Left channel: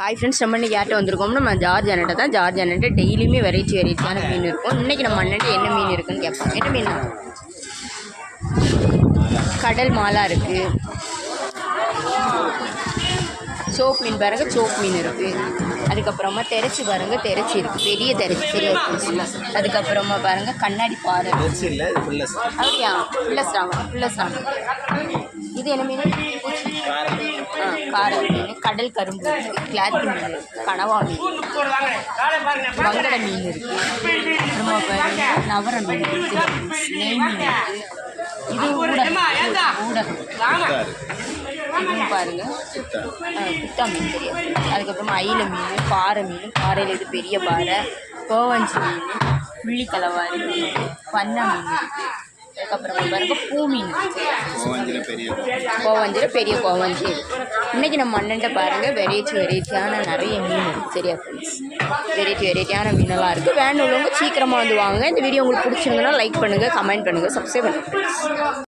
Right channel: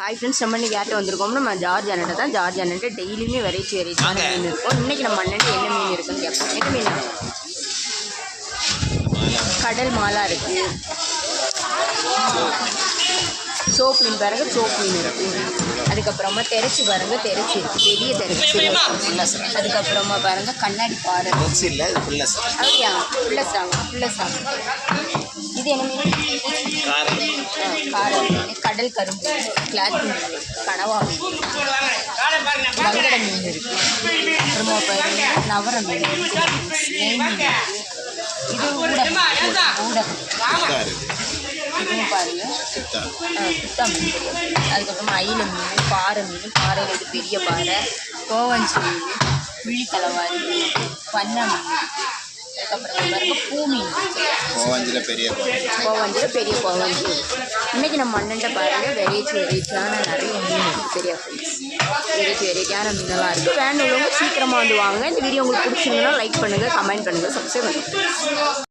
Hi friends, நம்ம இன்றைக்கி யார்கிட்ட வந்திருக்கோம்னா நம்ம ஜார்ஜ் அண்ணன்ட்ட தான். ஜார்ஜ் அண்ணன்ட்ட டெய்லியுமே வெரைட்டியான மீன் இருக்கும். இன்றைக்கி நம்ம அண்ணன்ட்ட என்ன மீன் இருக்குன்னு கேட்போம். என்ன மீன்? கடல் மாலா இருக்குது, சோப் மீன் பாருங்க, சோப் மீன் இருக்குது. அதுக்கப்புறமா தெரச்சி பாருங்க, தெரச்சி இருக்குது, பெரிய தெரச்சி, பெரிய. அதுக்கப்புறமா பாருங்கள் கண்ணாடி பாறை அப்படியா, ஃபுல்லஸ்டாங்க. இது என்ன மீன்? காரை மீன், கடல் கரும்பு, கிளாத் மீன், கனவா மீன், வங்கட மீன் இருக்குது. அப்புறமா பாருங்க நவர மீன் இருக்குது, நெய் மீன் இருக்குது. இது ஊடகம், இதுவும் பாருங்க குட்டா மீன் தெரியாது. அதுக்கப்புறமா அயில மீன், பாறை மீன், பாறையில் இது பெரிய பாறை, கோவஞ்சி மீன், புள்ளிக்கலவாரி மீன், பண்ணை மீன் இருக்குது. அதுக்கப்புறமா பாருங்க பூ மீன், கோவஞ்சியில் பெரிய கோவஞ்சி. இன்றைக்கி நம்ம அண்ணன்ட்ட பாருங்கள் வெரைட்டியான நிறைய மீன் இருக்குது. சரியா ஃப்ரெண்ட்ஸ், வெரைட்டியான மீனெல்லாம் இருக்குது. வேணுள்ளவங்க சீக்கிரமாக வந்து வாங்க. இந்த வீடியோ உங்களுக்கு பிடிச்சிருந்ததுன்னா லைக் பண்ணுங்கள், கமெண்ட் பண்ணுங்கள், சப்ஸ்கிரைப் பண்ணுங்கள்.